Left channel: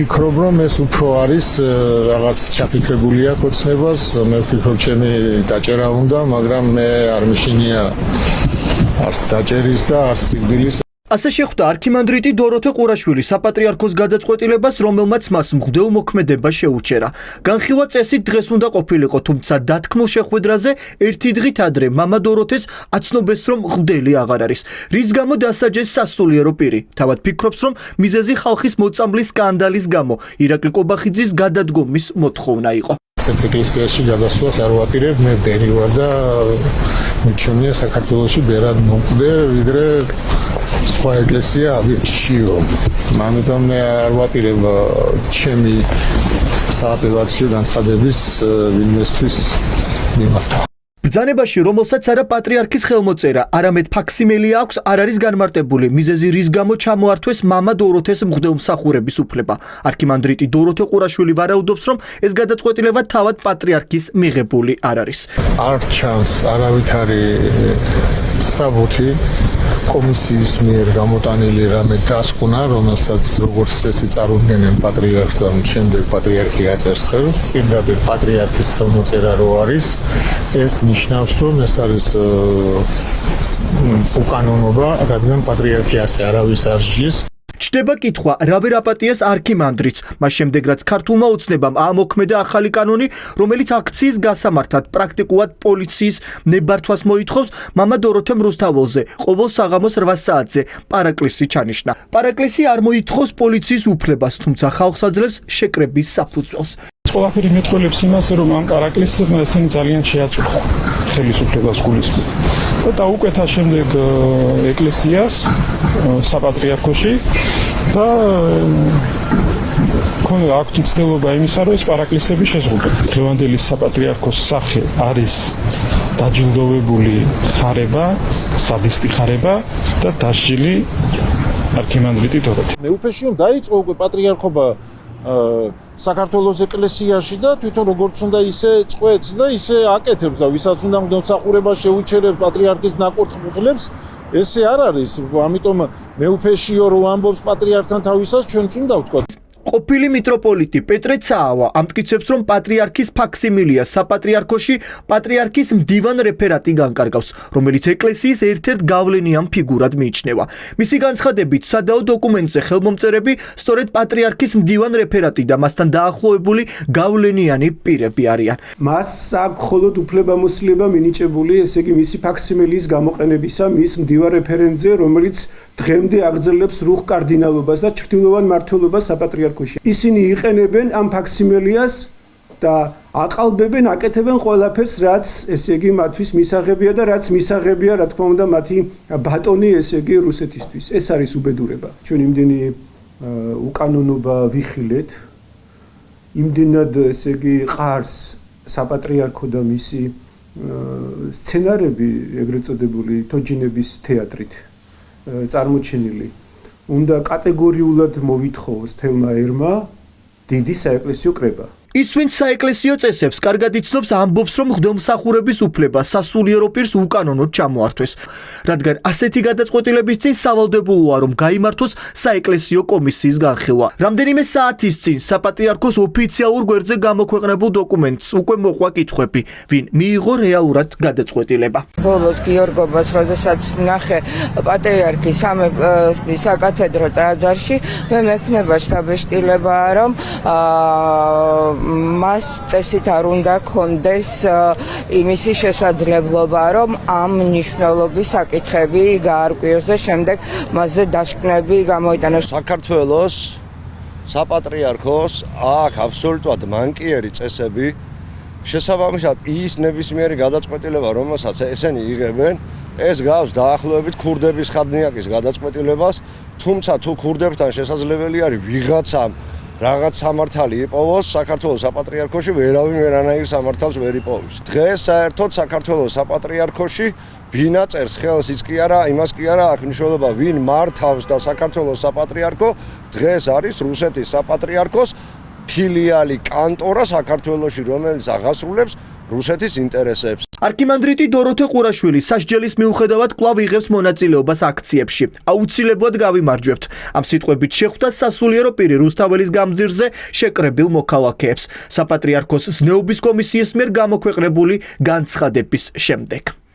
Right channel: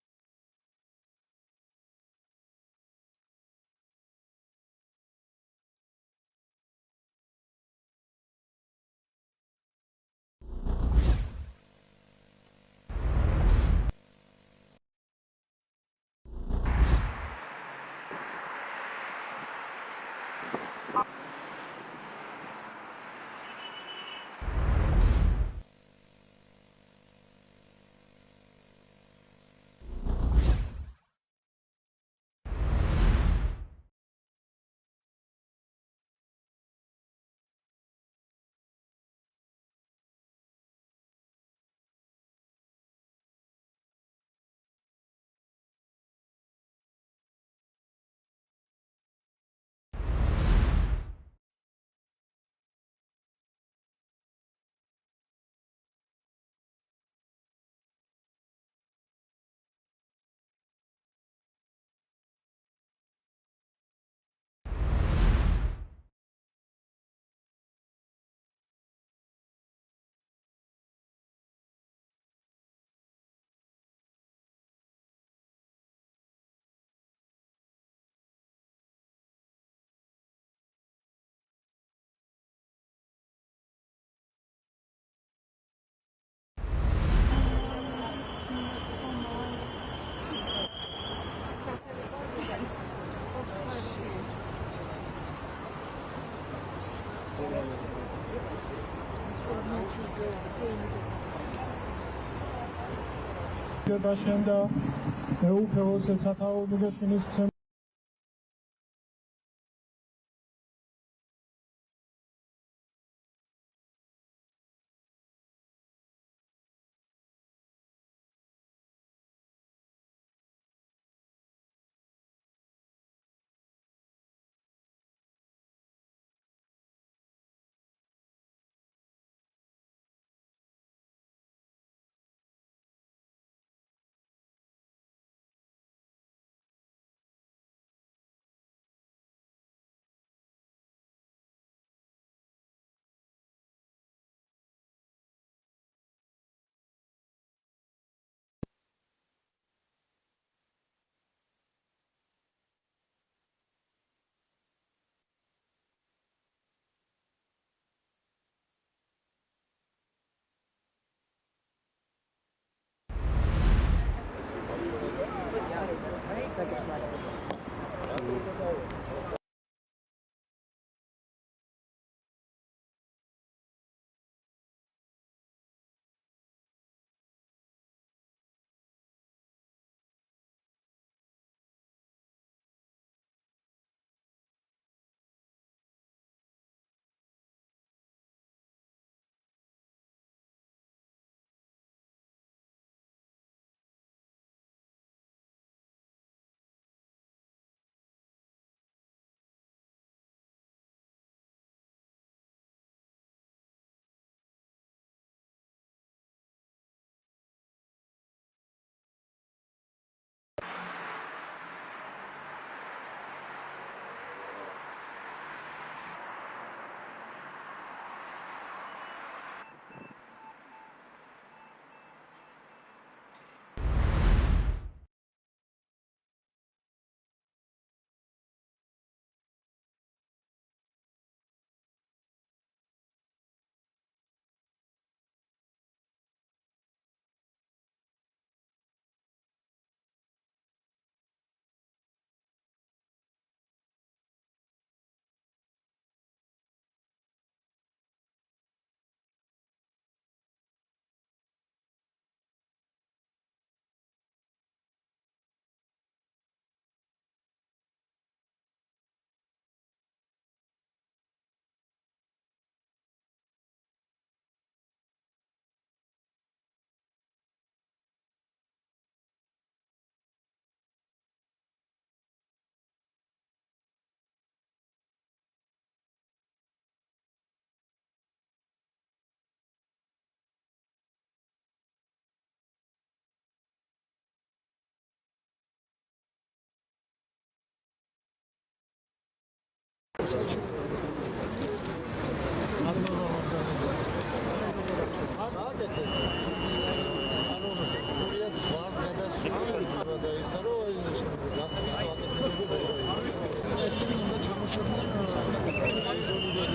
ვფიქრობ, რომ ეს უფრო არის რაღაც ჩაფიქრებული აქვს ოცნებას, მე ვფიქრობ, ჩემი დაჭერა უნდა, მაგრამ მე არ მიშინია არც დაჭერის და არც სიკვდილის. ასე შეხვდა არქიმანდრიტი დოროთე ყურაშვილი საპატრიარქოს გადაწყვეტილებას, რომელმაც მას მღვდელმოქმედება შეუჩერა. განხილვა წესით დღეს უნდა ყოფილიყო, თუმცა დათქმულ შეხვედრაზე ერთი დღით ადრე მამა დოროთეს აცნობეს, რომ მღვდელი აღარ არის, რის გამო დასაჯეს სასულიერო პირი. თავად ფიქრობს, რომ მიზეზი ხალხის მოწამვლის სკანდალის გამო ირაკლი კობახიძის გადადგომის მოთხოვნა იყო. ეკლესიაში გადასვლას არ ვაპირებ, მე ბერი ვარ და მიჩვენია საქართველოში ბერად მომკვდე, ვიდრე სხვა ეკლესია ავირჩიო. ამიტომ მე არ ვაპირებ ჩემი სააპელაციო განცხადების ვინმესთვის მიმართა. ბრძანებაში, რომელსაც არა პატრიარქის ხელმოწერა, არამედ ფაქსიმილი აქვს, არ არის განმარტებული მიზეზი, რის გამო ჩამოართვეს მამა დოროთეს მღვდელმსახურების უფლება. არქიმანდრიტი დოროთე ყურაშვილი ვარაუდობს, რომ ეს გადაწყვეტილება თავად პატრიარქის მიღებული არ არის. არ ჩანს არავითარი საბუთი კომისიის მიერ გამოტანილი რამე დასკვნა, რომელსაც როგორც წესი წარუდგენენ პატრიარქს და შემდეგ პატრიარქი აწერს ხელს, პირდაპირ პატრიარქის ხელმოწერა რო არის, ეს ნიშნავს, რომ ეს არის უკანონობა, რადგან პატრიარქი ასე არავის არ სჯის. ჩდება კითხვა, რა ვერ აპატიეს არქიმანდრიტს, მას შემდეგ რაც ქართულმა ოცნებამ აამოქმედა ახალი კანონი, რომელიც აქციის გასამართად პრაქტიკულად პოლიციის ნებართვას მოითხოვს, მამა დოროთე რუსთაველზე ყოველ საღამოს 8 საათზე პარაკლისი ჩანიშნა. პარაკლისი არ მოითხოვს პოლიციის უფლებას, თუმცა ხალხს აძლევს შეკრების საფუძველს. ყველაფერი მეტყველებს იმას, რომ ამ პარაკლისს ესენი ძალიან შეაწუხა ხელისუფლებას გულისხმობ. და დაუკვეთა შემდეგ ეკლესიას საპატრიარქოში და ქონდა აქვთ მცდელობა იმისა, რომ ეს პარაკლისები შეზღუდონ. დღევანდელი საპატრიარქოს სახე არის დაჯილდოვებული ხარება, სადისტი ხარება და დასჯილი არქიმანდრიტი დოროთე. მეუფეში დაიწყო უკვე პატრიარქობა საქართველოს ეკლესიაში და თვითონ როგორც უნდა ისე წყვეტს და ისე აკეთებს და ვისაც უნდა მღვდელმსახურება შეუჩერებს პატრიარქის ნაკურთხ-მუხლებს, ესე არ არის. ამიტომ მეუფეშიო რო ამბობს პატრიარქთან თავისას, ჩვენც უნდა ვთქვათ. ყოფილი მიტროპოლიტი პეტრე ცაავა ამტკიცებს, რომ პატრიარქის ფაქსიმილია საპატრიარქოში პატრიარქის მდივან რეფერატი განკარგავს, რომელიც ეკლესიის ერთ-ერთ გავლენიან ფიგურად მიიჩნევა. მისი განცხადებით, სადაო დოკუმენტზე ხელმომწერები სწორედ პატრიარქის მდივან რეფერატი და მასთან დაახლოებული გავლენიანი პირები არიან. მას აქვს მხოლოდ უფლებამოსილება მინიჭებული, ესე იგი მისი ფაქსიმილიის გამოყენებისა მის მდივან რეფერენტზე, რომელიც დღემდე აგრძელებს რუხ კარდინალობას და ჩრდილოვან მმართველობას საპატრიარქოში. ისინი იყენებენ ამ ფაქსიმილიას და აყალბებენ, აკეთებენ ყველაფერს, რაც ესე იგი მათთვის მისაღებია და რაც მისაღებია, რა თქმა უნდა, მათი ბატონი, ესე იგი რუსეთისთვის. ეს არის უბედურება. ჩვენ იმდენი უკანონობა ვიხილეთ, იმდენად ესე იგი ყარს საპატრიარქო და მისი სცენარები, ეგრეთ წოდებული თოჯინების თეატრით წარმოჩენილი. უნდა კატეგორიულად მოვითხოვოს თელმა ერმა დიდი საეკლესიო კრება. ის, ვინც საეკლესიო წესებს კარგად იცნობს, ამბობს, რომ მღვდელმსახურების უფლება სასულიერო პირს უკანონოდ ჩამოართვეს, რადგან ასეთი გადაწყვეტილების წინ სავალდებულოა, რომ გაიმართოს საეკლესიო კომისიის განხილვა. რამდენიმე საათის წინ საპატრიარქოს ოფიციალურ გვერდზე გამოქვეყნებულ დოკუმენტს უკვე მოყვა კითხვები, ვინ მიიღო რეალურად გადაწყვეტილება. ბოლოს გიორგობას, როდესაც ნახე პატრიარქის საკათედრო ტაძარში, მე მექნება შთაბეჭდილება, რომ მას წესით არ უნდა კონდეს იმისი შესაძლებლობა, რომ ამ მნიშვნელობის საკითხები გაარკვიოს და შემდეგ მასზე დასკვნები გამოიტანოს. საქართველოს საპატრიარქოს აქვს აბსოლუტურად მანკიერი წესები, შესაბამისად ის ნებისმიერი გადაწყვეტილება, რომელსაც ესენი იღებენ, ეს გავს დაახლოებით ქურდების ხადნიაკის გადაწყვეტილებას, თუმცა თუ ქურდებთან შესაძლებელი არის ვიღაცამ რაღაც სამართალი იპოვოს საქართველოს საპატრიარქოში, ვერავინ ვერანაირ სამართალს ვერ იპოვის. დღეს საერთოდ საქართველოს საპატრიარქოში ვინ აწერს ხელს, ის კი არა, იმას კი არა, აქვს მნიშვნელობა ვინ მართავს და საქართველოს საპატრიარქო დღეს არის რუსეთის საპატრიარქოს ფილიალი კანტორა საქართველოში, რომელიც აღასრულებს რუსეთის ინტერესებს. არქიმანდრიტი დოროთე ყურაშვილი სასჯელის მიუხედავად კვლავ იღებს მონაწილეობას აქციებში. აუცილებლად გავიმარჯვებთ. ამ სიტყვებით შეხვდა სასულიერო პირი რუსთაველის გამზირზე შეკრებილ მოქალაქეებს. საპატრიარქოს ზნეობის კომისიის მიერ გამოქვეყნებული განცხადების შემდეგ.